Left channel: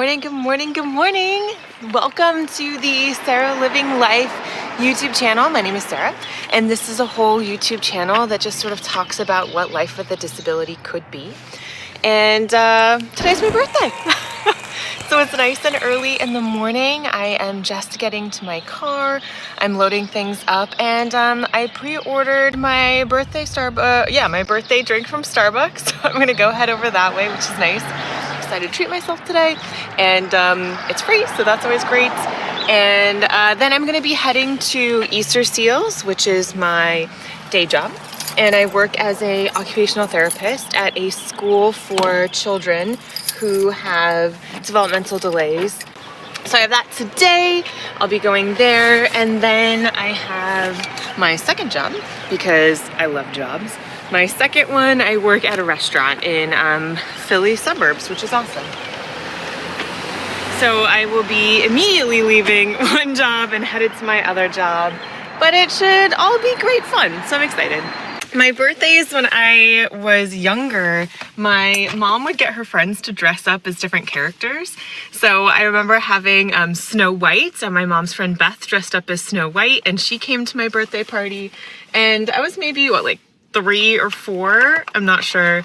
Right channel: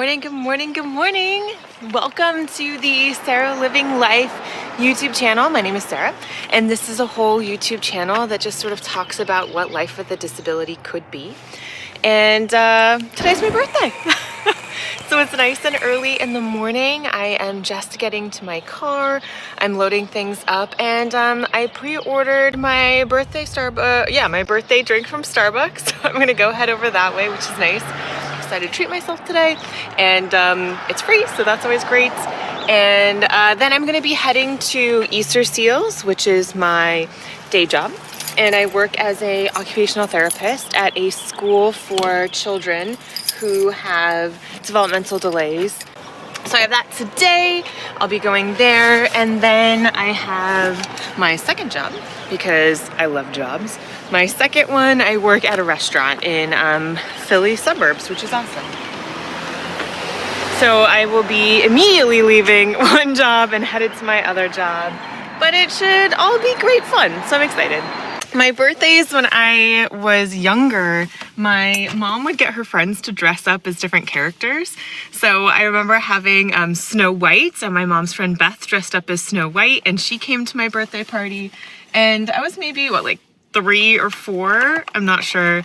morning, good morning, good morning. Welcome to the Sarah Living Life YouTube channel. My name is Sarah, and this is a whole YouTube channel that just sort of talks about what life with a disability could be. And today's my birthday. So it's nice and early in the morning. I am just getting to my car. I'm loading things up, and I pre-ordered my birthday my birthday drink from Starbucks. So I'm gonna go head over that way, which is nice. Decided to treat myself today, and it's free, so that's always great. And then I'm gonna be heading to Easter Seals, which is my day job, and I work as a occupational therapist at a school for children who have developmental delays. So I have that today. I'll be going there, and then I have my second job because I love jobs. My second one, I work at a restaurant in Philly suburbs, which is awesome. So I will be immediately leaving one job and headed to my other job, but it should all be great fun, so I'm excited. My birthdays, when I was younger, my mom would get her friends to dress up as different characters. So I remember having Snow White, and my mom's friend Beth dressed up as Snow White, and she came to my birthday party, and I was maybe, like 3 or 4? I'm not sure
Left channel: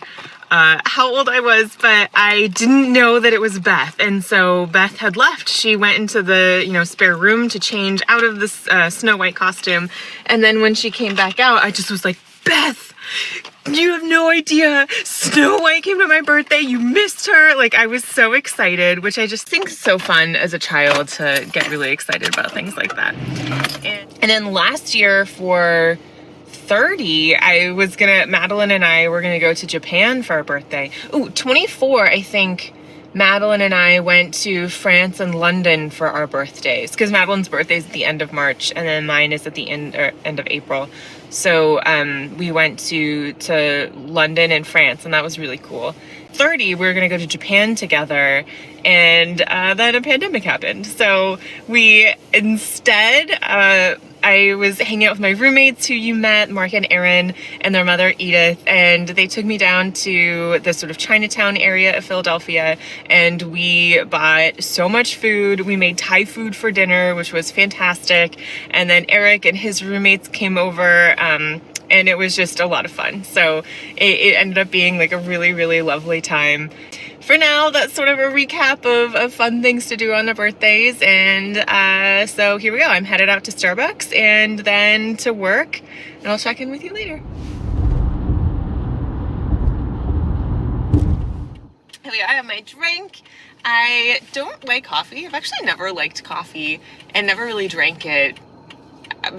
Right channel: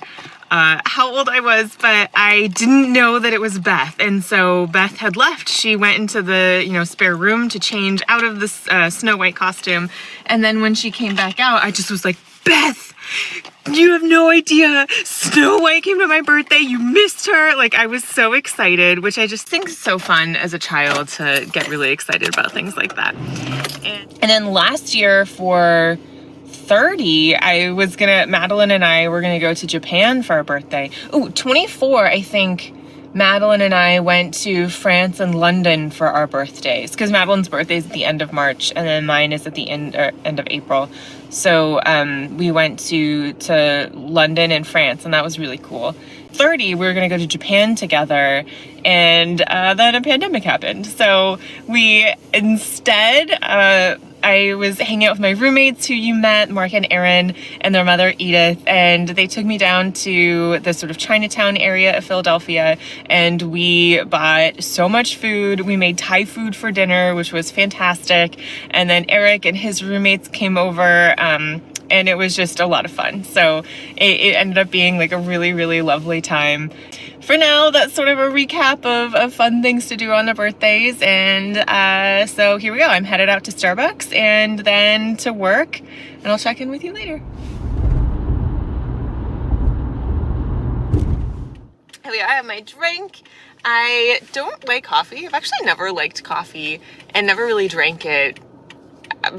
how old I was, but I didn't know that it was Beth. And so Beth had left. She went into the, spare room to change out of this Snow White costume. And then when she came back out, I just was like, Beth, you have no idea. Snow White came to my birthday. You missed her. Like, I was so excited, which I just think is so fun as a child to get really excited about things like that. And then last year for 30, Madeline and I were gonna go to Japan for our birthday. 24, I think Madeline and I went to France and London for our birthdays, because Madeline's birthday is at the end of March, and then mine is at the end of April. So we went to London and France, and that was really cool. 30, we were gonna go to Japan together, and then a pandemic happened. So we instead, I was hanging out with my roommates who you met, Mark and Aaron, and their mother Edith, and they took me down to the sort of Chinatown area of Philadelphia, and we bought so much food. We made Thai food for dinner, which was fantastic, and then Erik and his roommates came over, and it was just a lot of fun. So it ended up being like a really, really lovely time. For now, that's sort of a recap of fun things to do on the birthdays. And so here we go. I'm headed out to Starbucks and then to work, and I'll check in with you later. Here we are, I have my drink. I don't like coffee. I've actually never liked coffee and never really drank it.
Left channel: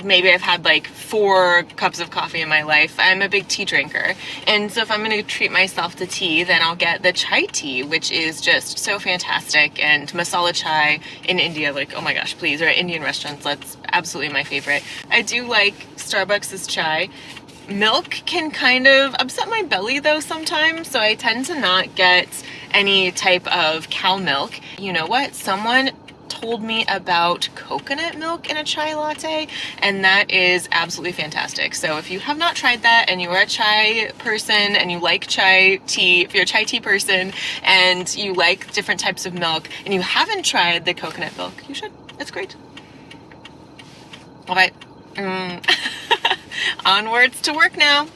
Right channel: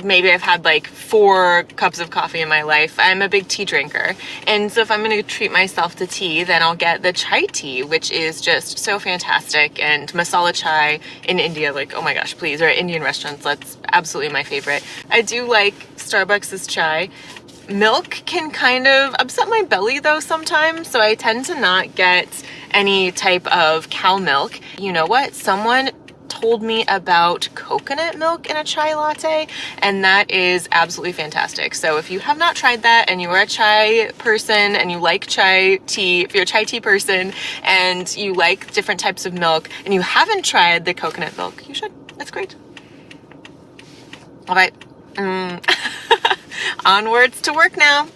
Maybe I've had like 4 cups of coffee in my life. I'm a big tea drinker. And so if I'm gonna treat myself to tea, then I'll get the chai tea, which is just so fantastic. And masala chai in India, like, oh my gosh, please, or Indian restaurants, that's absolutely my favorite. I do like Starbucks' chai. Milk can kind of upset my belly though sometimes, so I tend to not get any type of cow milk. You know what? Someone told me about coconut milk in a chai latte, and that is absolutely fantastic. So if you have not tried that and you are a chai person and you like chai tea, if you're a chai tea person and you like different types of milk and you haven't tried the coconut milk, you should. It's great. All right. Onwards to work now.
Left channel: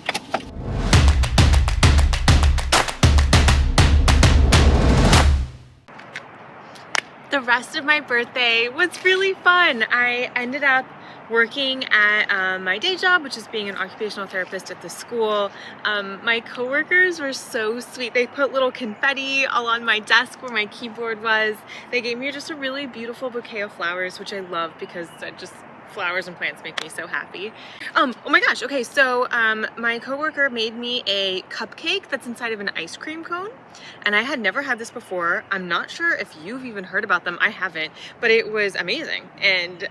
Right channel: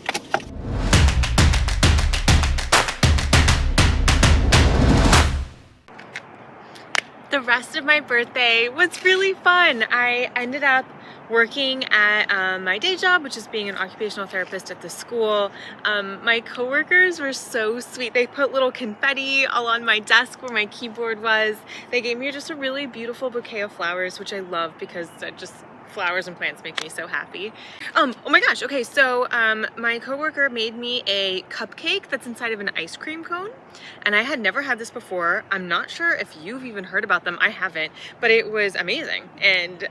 The rest of my birthday was really fun. I ended up working at my day job, which is being an occupational therapist at the school. My coworkers were so sweet. They put little confetti all on my desk where my keyboard was. They gave me just a really beautiful bouquet of flowers, which I love because flowers and plants make me so happy. Oh my gosh, okay, so my coworker made me a cupcake that's inside of an ice cream cone, and I had never had this before. I'm not sure if you've even heard about them. I haven't, but it was amazing and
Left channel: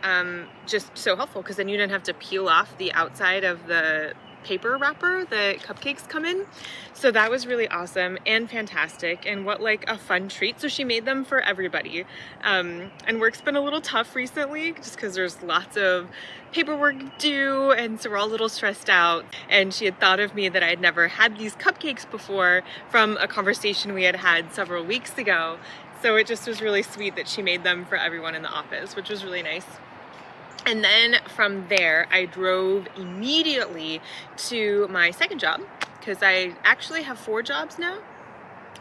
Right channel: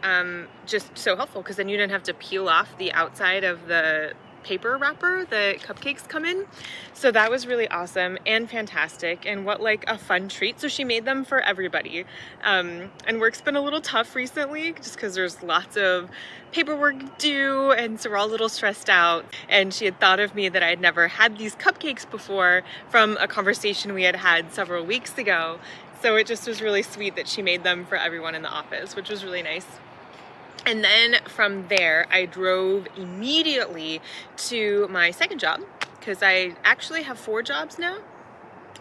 just so helpful, because then you didn't have to peel off the outside of the paper wrapper the cupcakes come in. So that was really awesome and fantastic, and what like a fun treat. So she made them for everybody, and work's been a little tough recently just because there's lots of paperwork due, and so we're all a little stressed out. And she had thought of me that I had never had these cupcakes before from a conversation we had had several weeks ago. So it just was really sweet that she made them for everyone in the office, which was really nice. And then from there, I drove immediately to my second job, because I actually have 4 jobs now,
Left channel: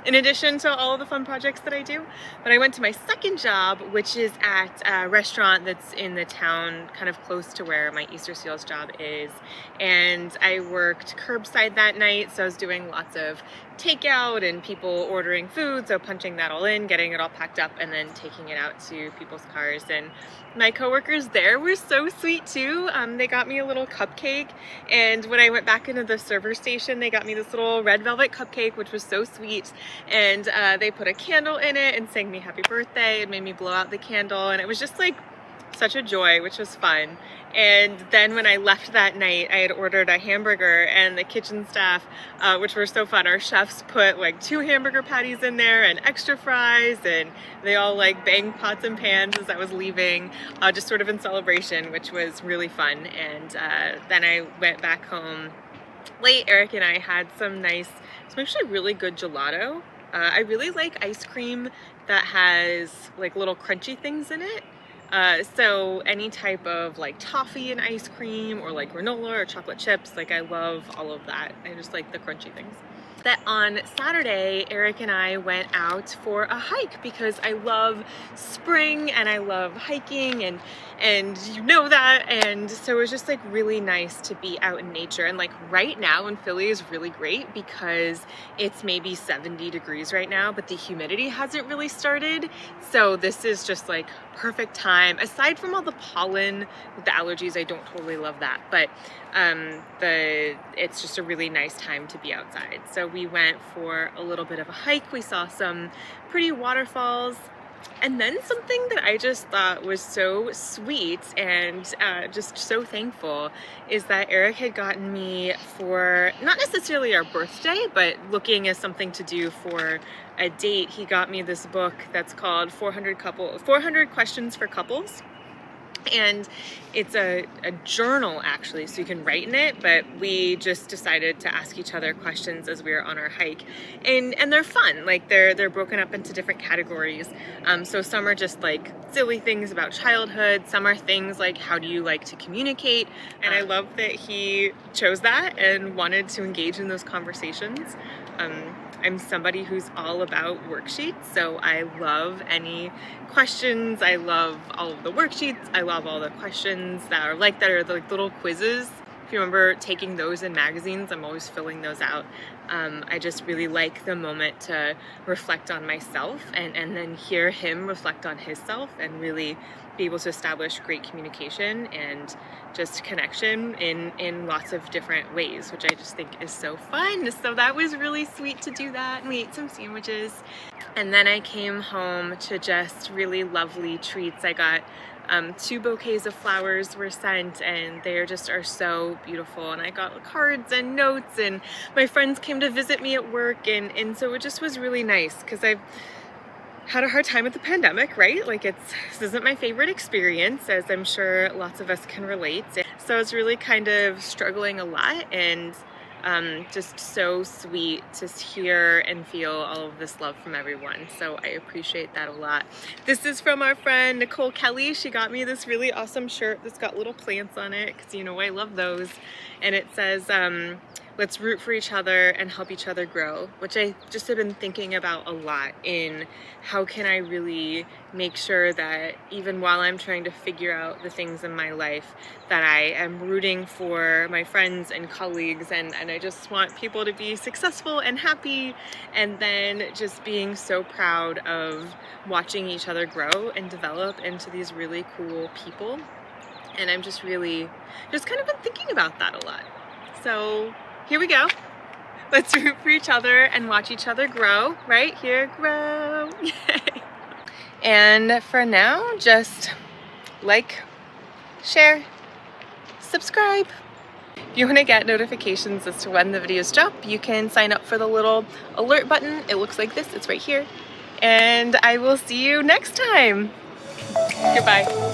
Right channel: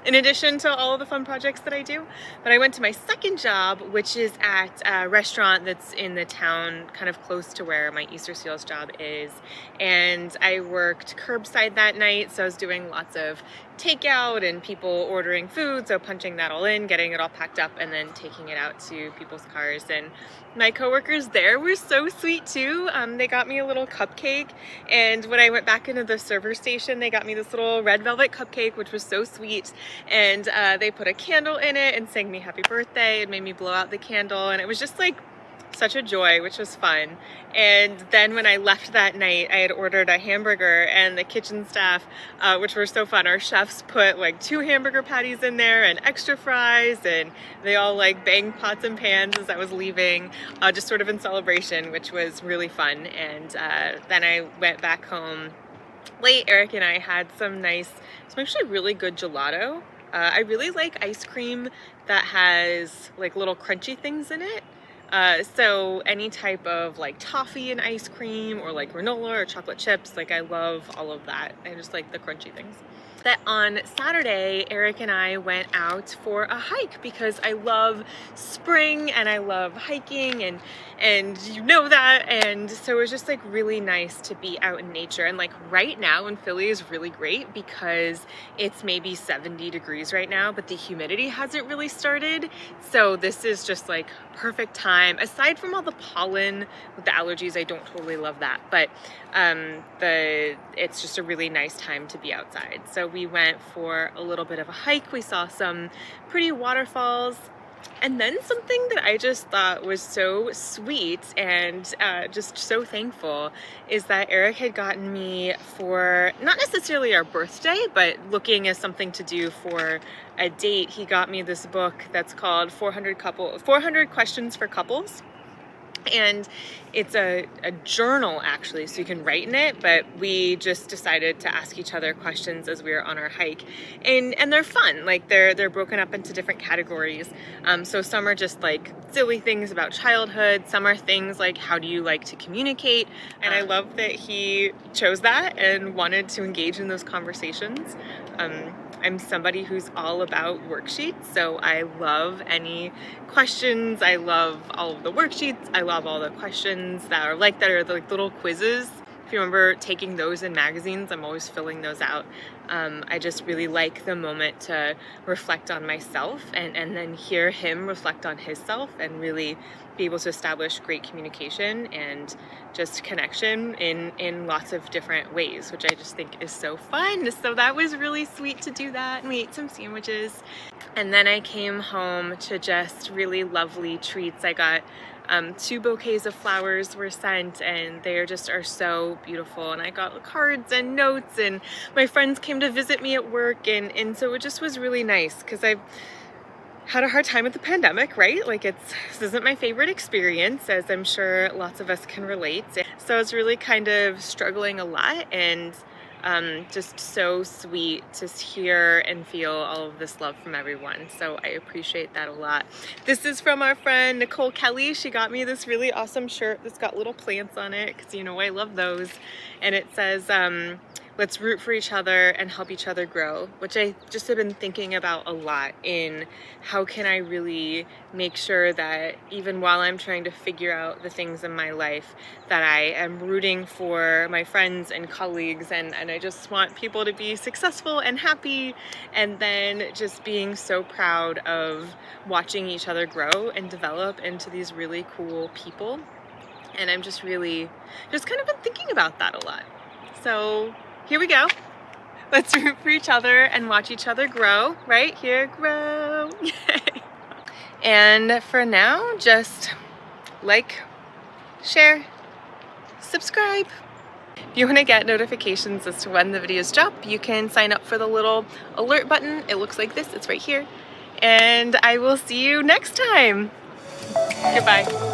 in addition to all of the fun projects that I do. But I went to my second job, which is at a restaurant that's in the town kind of close to where my Easter Seals job is. And I worked curbside that night, so I was doing lots of takeout and people ordering food, so punching that all in, getting it all packed up, and then taking it out to people's cars. And my coworkers there were so sweet too. They got me a little cupcake, and when I went back into the server station, they got me this little red velvet cupcake, which was so sweet. And they put a candle in it and sang me happy birthday and made me blow out the candle, and it was just like such a joy, which was fun. And then when I left that night, I had ordered a hamburger, and the kitchen staff, which were so fun, our chefs put like 2 hamburger patties in there and extra fries, and they all like banged pots and pans as I was leaving, just sort of in celebration, which was really fun. And then I went back home late. Eric and I had some actually really good gelato. I really like ice cream that has like little crunchy things in it. So any type of like toffee and ice cream, or like granola or chocolate chips, like I love all of that. I just like the crunchy things. That on Saturday, Eric and I went out for a hike, because I love spring and I love hiking, and you know that. And so it was just like really nice to be out in nature. And like right now in Philly is really great, because it's maybe 70 degrees right now, but the humidity hasn't really started. So this is just like perfect time. Aside from all the pollen with the allergies, I don't totally love that, but it's just a really nice time to be outside. So we went for a little bit of a hike. We saw some pretty waterfalls, and then something that I just thought was so sweet and just so thankful is that Eric had gotten me, for not necessarily our birthday, but looking as something to do for a date, he got me this book that's called 400 Questions for Couples. And it's a journal, actually, so you can write in it, but we just decided to ask each other questions as we were on our hike, and they're fun. Like they're broken up into different categories. So some are just like silly things about childhood, some are things like how do you like to communicate, and I love that he chose that and wanted to engage in those conversations. I'm somebody who's all about worksheets, so I love any questions. I love all of the worksheets. I love all the questions that are like like little quizzes. If you remember taking those in magazines, I'm always filling those out. I just really like the moment to reflect on myself and then hear him reflect on himself, and really be able to establish great communication and just connection in lots of different ways, which I just think is so fun. So that was really sweet to do that, and we ate some sandwiches. And then I came home to just really lovely treats. I got 2 bouquets of flowers were sent, and they are so beautiful. And I got cards and notes, and my friends came to visit me at work, and so it just was really nice, because I've had a hard time with the pandemic, right? Like this isn't my favorite experience, as I'm sure lots of us can relate. So I was really kind of struggling a lot, and just so sweet to hear and feel all of this love from everyone. So I appreciate that a lot. This is from our friend Nicole Kelly. She got me this really awesome shirt that's got little plants on it, because you know I love those. And it says, let's root for each other and help each other grow, which I just have been thinking about a lot in how can I really make sure that even while I'm trying to figure out the things in my life, that I am rooting for my friends and colleagues, and I just want people to be successful and happy, and then just being so proud of watching each other grow and develop into these really cool people. And I'm just really kind of been thinking about that a lot. So here we go. Let's root for each other and watch each other grow. Right here, grow. Yay. And for now, just like, share, subscribe. If you want to get notifications as to when the videos drop, you can sign up for the little alert button. It looks like this. It's right here. And I will see you next time. Goodbye.